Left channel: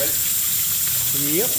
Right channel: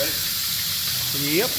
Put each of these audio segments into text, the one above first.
Ready? Yep.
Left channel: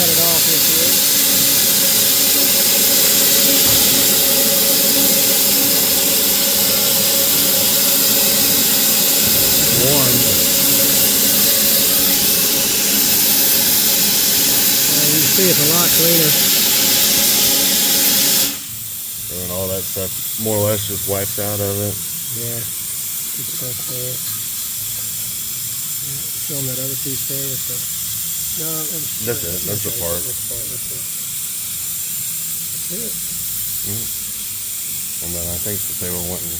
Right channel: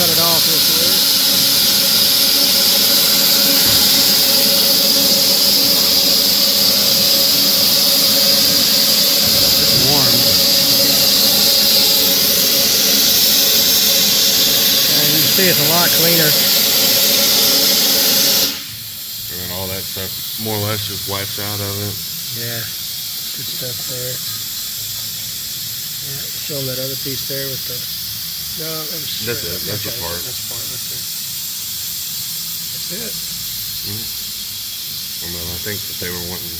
Cut it off real quick. And you can see it's a lot cleaner. And all that stuff more or less just wipes out of it. Yeah, good stuff there. Yeah, show them that other piece there with the. No, it was. That's it. That's your part. That's part right there. That's it. I mean, I think that they were wanting.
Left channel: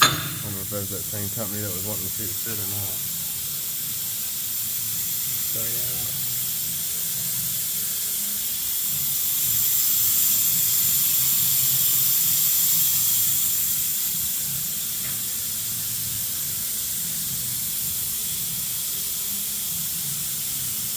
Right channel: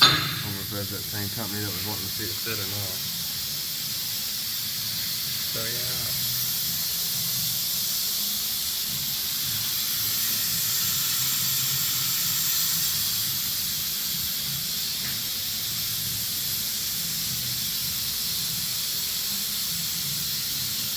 I wonder if there's that same company that was wanting to see it fit or not. So yeah.